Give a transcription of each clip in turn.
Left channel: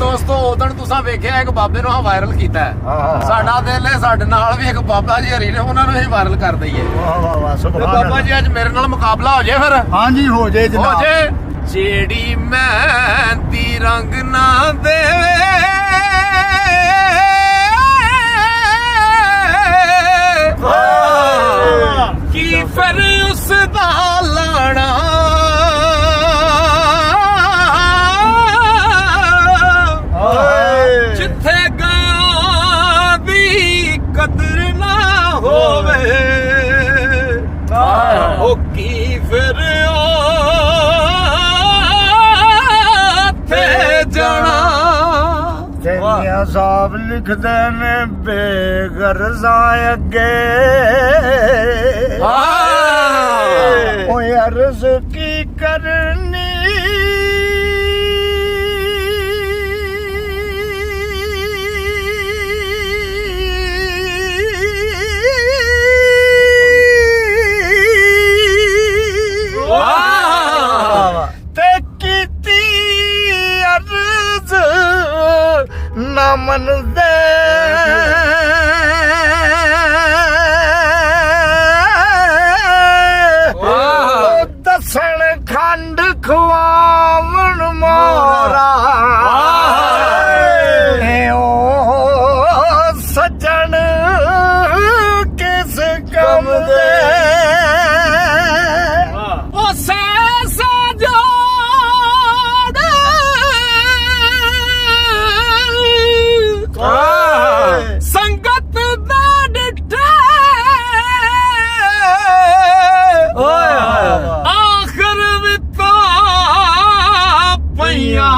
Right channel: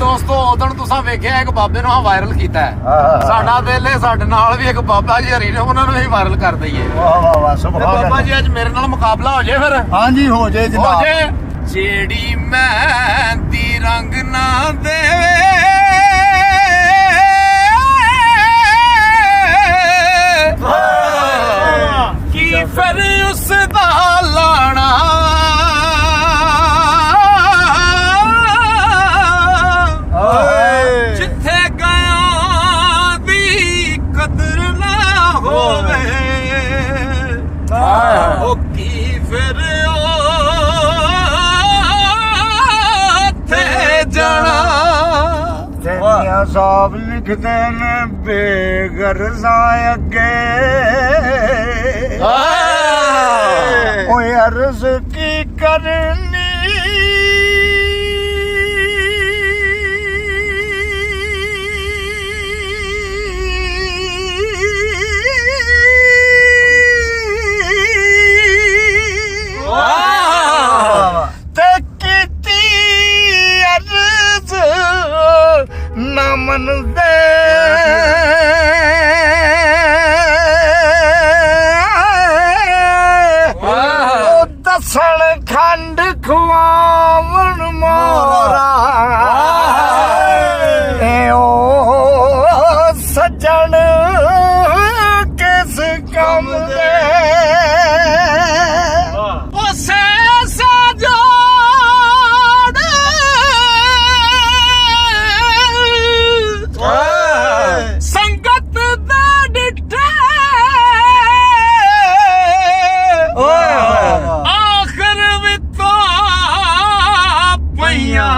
ਦੋਸਤੋ ਉਦੋਂ ਤੁਸੀਂ ਵੇਖਿਆ ਇੱਕ ਬਾਬੇ ਨੂੰ ਵਾਇਰਲ ਕੀਤਾ ਸਾਡਾ ਦਿਲ ਹੈ ਸਾਡੇ ਨਾਲ ਵੀ ਇੱਕ ਬਾਬਾ ਜੀ ਹਰੀ ਨੇ ਉਹਨਾਂ ਨੂੰ ਹੀ ਵਾਇਰਲ ਕਰ ਦਈਏ। ਵਾਹ ਵਾਹ ਵਾਹ ਸੁਭਾਨ ਬਾਬਾ ਜੀ ਅੱਜ ਮੇਰੇ ਨਾਲ ਮੁਕਾਬਲਾ ਹੋ ਜੇ ਫਿਰ। ਹਾਂਜੀ ਹੋ ਜੇ ਹੋ ਜਨਾਬ। ਜੇ ਜਿਹੜੀ ਮਹਿੰਦੀ ਰੰਗ ਨਾ ਦੇਵੇ ਕੀ ਫਿਰ ਉਸ ਦਾ ਲਾਣਾ ਜਿੱਥੇ ਗਿਆ ਦੀ ਕਦਰ ਨਾ ਹੋਵੇ ਉਹ ਕੀ ਫਿਰ ਉੱਥੇ ਜਾਣਾ। ਤੇਰੀਆਂ ਸਾਬ ਲਿਖਦੇ ਨੇ ਬੇਗਰਜ਼ਾਂ ਅੱਗੇ ਓਏ ਅਰਜ਼ ਕੀ ਕਰਨੀ ਤੇ ਕੀਤੀ ਅਰਜ਼ ਨਾ ਮੰਨਦੇ ਦਸਣ ਖੰਡ ਖਵਾਵਣ ਮੋਰਾ ਓ ਸੱਜਣ ਕਿਸ ਕੰਮ ਦੇ ਸੰਗਤ ਦਾ ਡਿੱਠੇ ਆਖਰ ਵਿਤਾ ਪਈਆਂ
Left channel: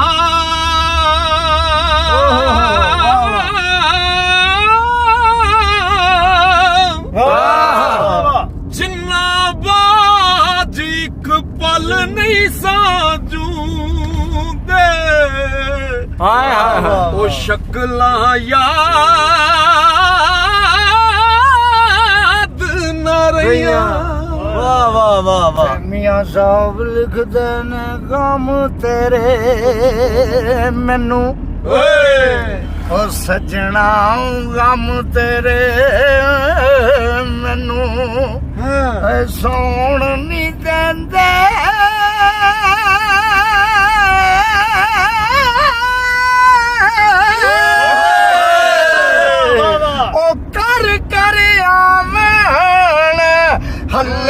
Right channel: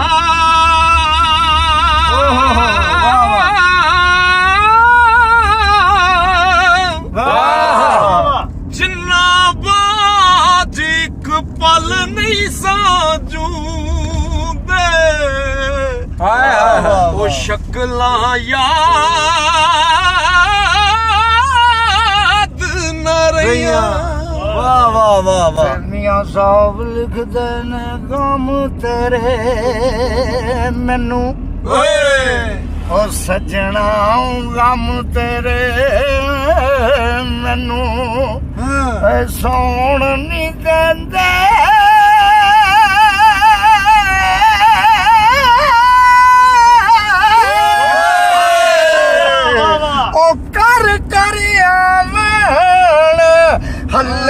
ਜਿੰਨਾ ਬਾਜ ਇੱਕ ਪਲ ਨਹੀਂ ਸਾਜੂ ਉਹ ਸ਼ਕਲਾਂ ਯਾਦ ਨਾ ਰਹੀਆਂ। ਵਾਹ ਵਾਹ ਵਾਹ ਵਾਹ। ਮੀਆਂ ਸਾਹਿਬ ਲਿਖਦੇ ਨੇ ਗਮ ਤੇਰੇ ਮੈਨੂੰ ਉਹ ਸੱਜਣਾ ਗਮ ਤੇਰੇ ਮੈਨੂੰ ਸੌਣ ਨਹੀਂ ਦਿੰਦੇ ਹੱਲਾ